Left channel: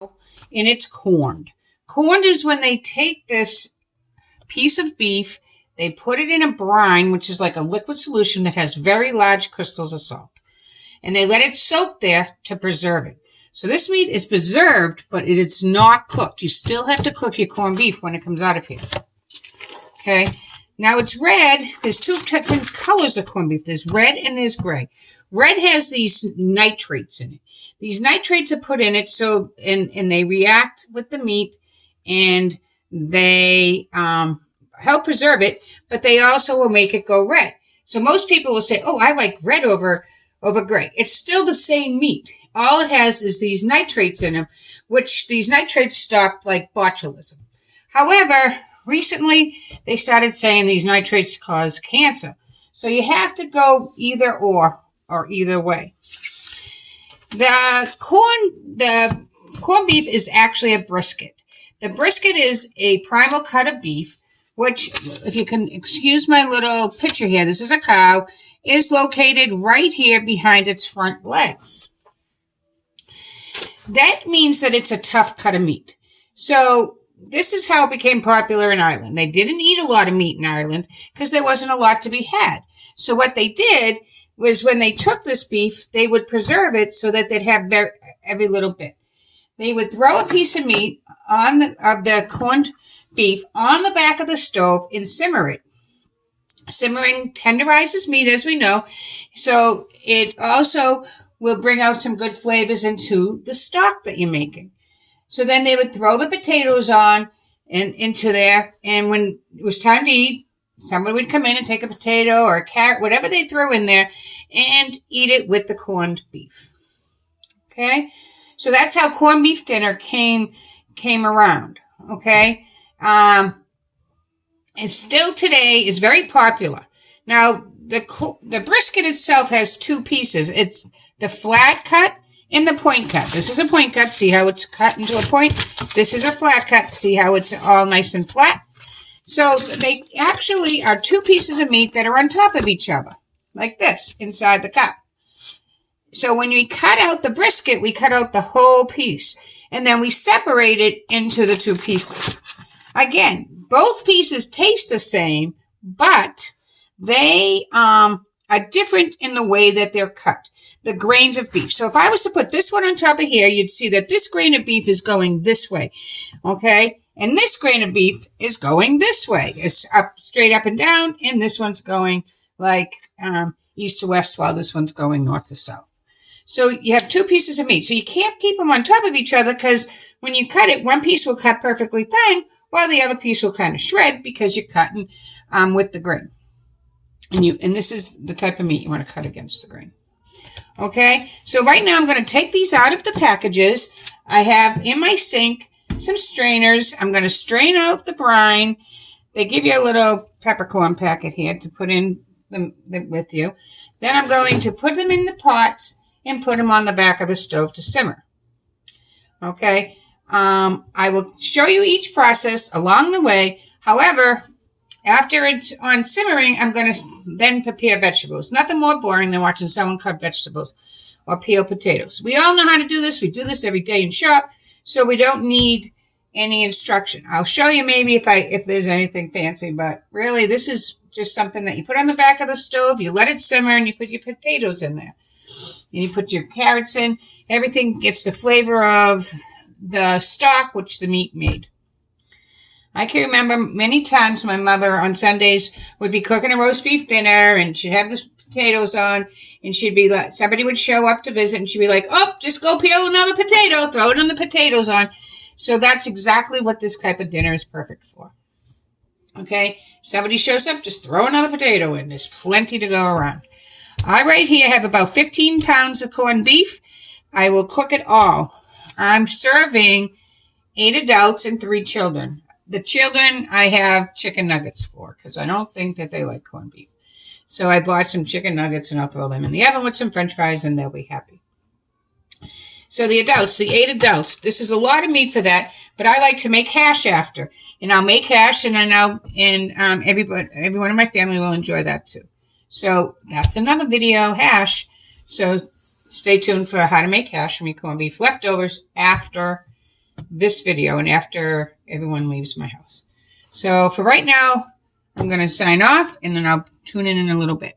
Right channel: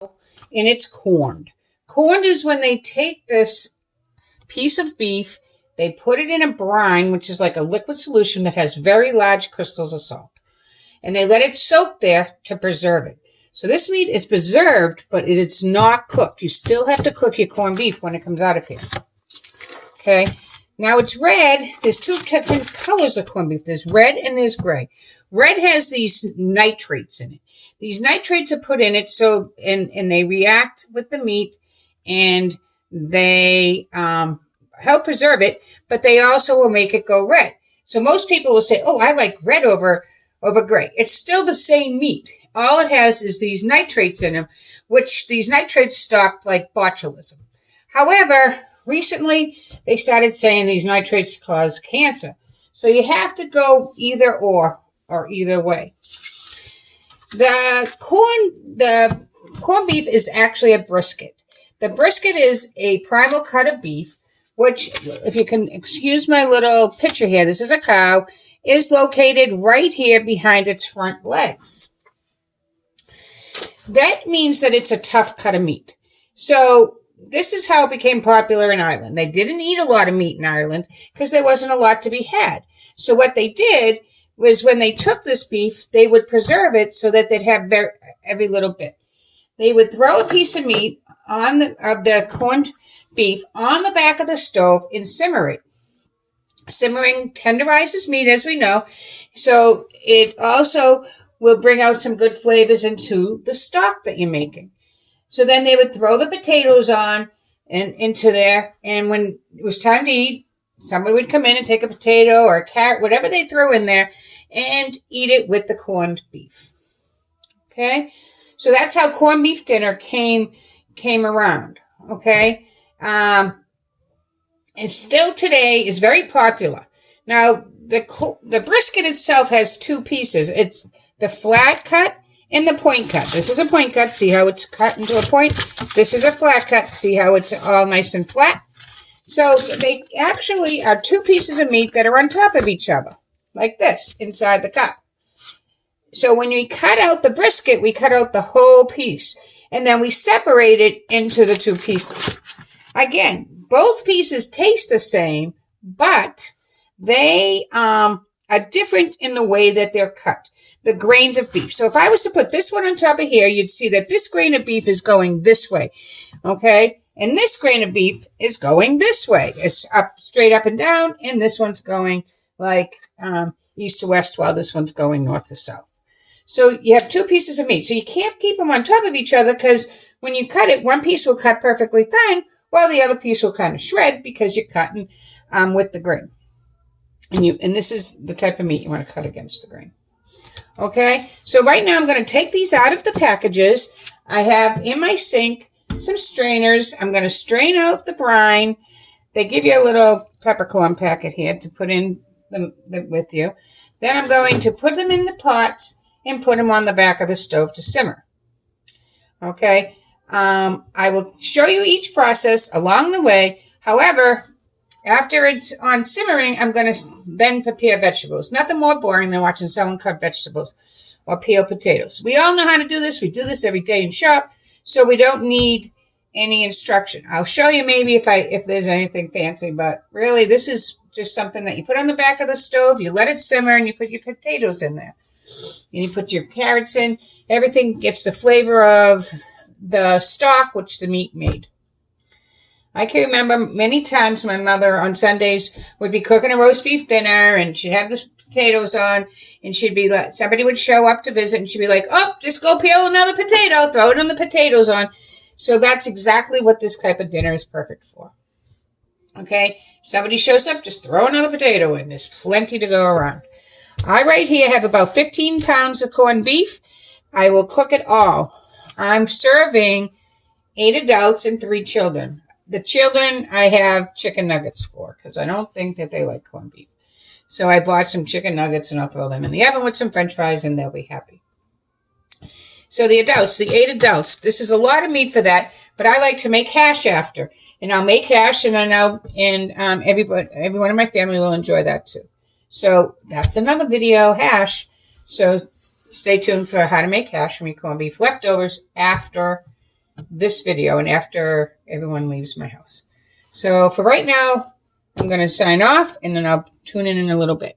and it's corned. Corned is when they take this piece of beef, they put it in a brine, which is like a liquid solution that has very large crystals of salt, and they let it soak there to preserve it. So this meat is preserved, but it is not cooked. You still have to cook your corned beef when it comes out of here. Okay. Now it's red. There's two different colors of corned beef. There's red and there's gray. Red has these nitrates in it. These nitrates are put in it so and they react with the meat and they help preserve it, but they also will make it go red. So most people will say, "Oh, I like red over gray." It's still the same meat. All it has is these nitrates in them, which these nitrates stop like botulism. However, recently they started saying these nitrates cause cancer. So you have to go either or either way. The corned beef is actually a brisket. The brisket is a primal cut of beef, which, if you can excuse my little picture here, this is a cow, is located right here behind its front legs. That means that it's a tough cut of meat. So this is how it became popular in Ireland. They didn't eat a lot of meat in Ireland because there wasn't a lot to be had. So what they did was when they took this beef, they would preserve it so that they'd have every little bit. They would throw a piece of meat of the corned beef on the back of the stove and simmer it. Simmering tenderizes meat, as we know, so it also will bring out some good flavors into the stock that you're making. So then they would throw the potatoes on and into there, and when it was time to eat, somebody would come in and take a potato or a carrot, whatever they threw in there, and eat it with the corned beef. Okay? So that's how corned beef dinner came around. Okay? And still today is very popular. Now, the brisket itself has two pieces. It's the flat cut and the point cut. This is a point cut. See how it's cut into a point? This is a flat cut. See how it's all nice and flat? So they actually are two pieces of meat that are on top of each other, like this, inside the cup. So when we cut out the brisket, we cut out the whole piece, and then we separate it into the two pieces. Again, both pieces taste the same, but they are different in the way that they're cut. The grains of beef. So if I was to put this one on top of here, you'd see that this grain of beef is going this way, okay? And this grain of beef is going this way. It's straight up and down, and this one's going like east to west, while this one's going north to south. So you have two pieces of meat. So you can't keep them on top of each other because when you cut it, one piece will cut perfectly fine, while the other piece will kind of shred because you're cutting with the grain. And this is the type of meat you want to cut against the grain. Okay, so right now I'm going to take these out of the packages. I have in my sink some strainers. I'm going to strain out the brine. They give you a little peppercorn packet here to put in them with you. Then I'm going to put them in the pots and put them on the back of the stove to simmer. Okay, I will show you each process along the way. However, after it's on simmering, I'm going to then prepare vegetables. Nothing more boring than watching someone cut vegetables or peel potatoes. We all know how to do this. We do this every day in shop, so we don't need any instruction. I'll show you maybe if there's anything fancy, but really this is just something that you put on the back of the stove, you let it simmer, and you put your potatoes in there. And you put your carrots in. Everything gets the flavor of the stock which the meat made. I can remember many times my mother on Sundays would be cooking a roast beef dinner and she'd have the potatoes on and she'd be like, somebody would show up to visit and she'd be like, "Oh, just go peel another potato, throw it on the potatoes on." So that's exactly what this type of dinner is perfect for. Okay, if somebody shows up, just throw another potato in. There's plenty to go around. I right here have about 15 pounds of corned beef. I will cook it all. I'm serving 8 adults and 3 children. The children I have chicken nuggets for because I don't think that they like corned beef. So I bought some chicken nuggets and I'll throw them in the oven with some french fries and they'll be happy. So the 8 adults, this is a lot of meat for that, but I like to make hash after. And I'll make hash and everyone in my family will enjoy that too. So that's another video, hash. So stay tuned for how to make hash from your corned beef leftovers after this video and after everyone leaves my house. So for right now, I'm going to sign off and then I'll tune in a little bit.